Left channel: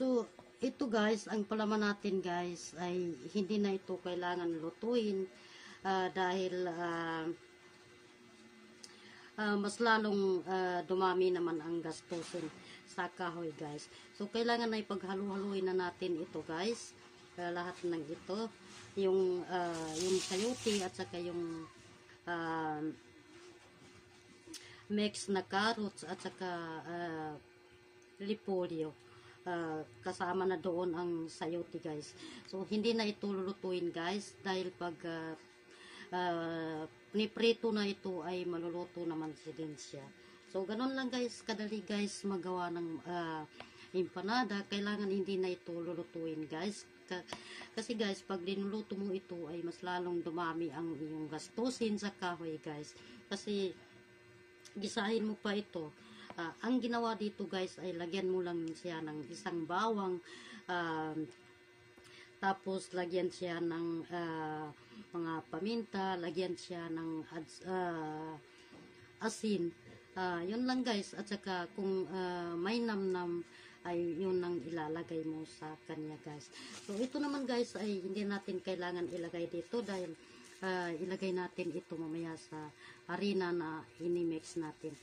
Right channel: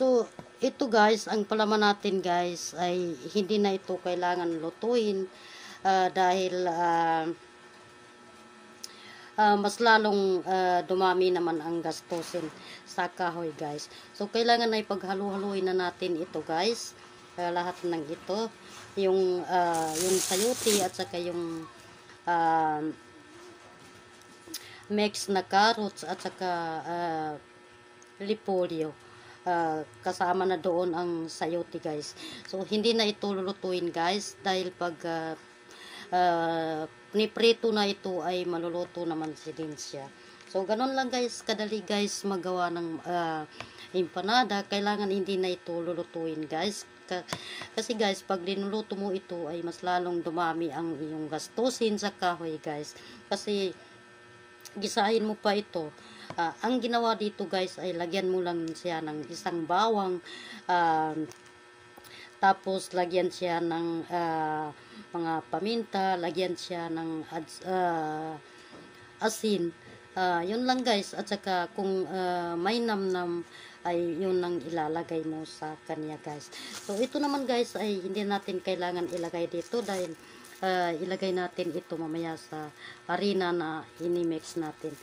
So, ito guys, ang palaman natin guys ay hindi na ito kailangan lutuin dahil mas lalong dumami naman ang gastusin sa kahoy guys. So, kailangan ay paghalu-haluin na natin ito guys. Lahat ng ito. Yung sayote at saka yung mix na carrots at saka repolyo. Kasama na doon ang sayote guys. So, hindi na ito lulutuin guys dahil pag niprito na ito ay maluluto naman din siya. So, ganun lang guys, kadali guys magawa ng empanada. Kailangan hindi na ito lulutuin guys. Kasi guys, pag linuluto mo ito ay mas lalong dumami ang iyong gastusin sa kahoy guys. Kasi gisahin mo pa ito. Ang ginawa dito guys ay lagyan mo lang siya ng isang bawang, tapos lagyan siya ng mga paminta, lagyan siya ng asin. Yun lang guys, at saka kung may namnam ay yun ang ilalagay mo sa kanya guys. So ito naman guys ay hindi natin kailangan ilagay dito dahil ilagay natin ito mamaya sa harina na inimix natin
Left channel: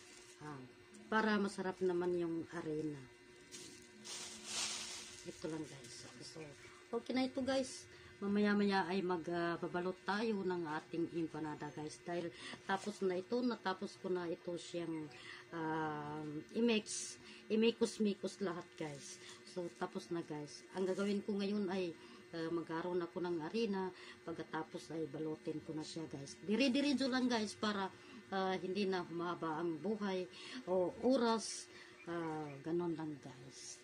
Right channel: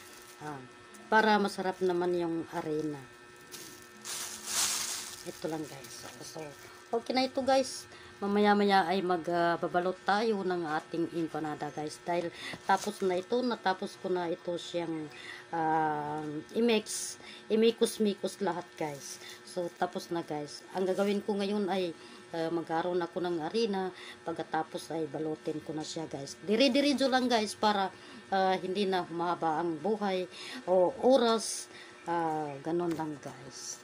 para masarap naman yung harina. Ito lang guys. So okay na ito guys. Mamaya-maya ay magbabalot tayo ng ating empanada guys. Dahil natapos ko na ito siyang imikos-mikos lahat guys. So tapos na guys. Ang gagawin ko ngayon ay magkaroon ako ng harina. Pagkatapos ay balutin ko na siya guys. Dire-diretso lang guys para hindi na humaba ang buhay o oras. Ganon lang guys.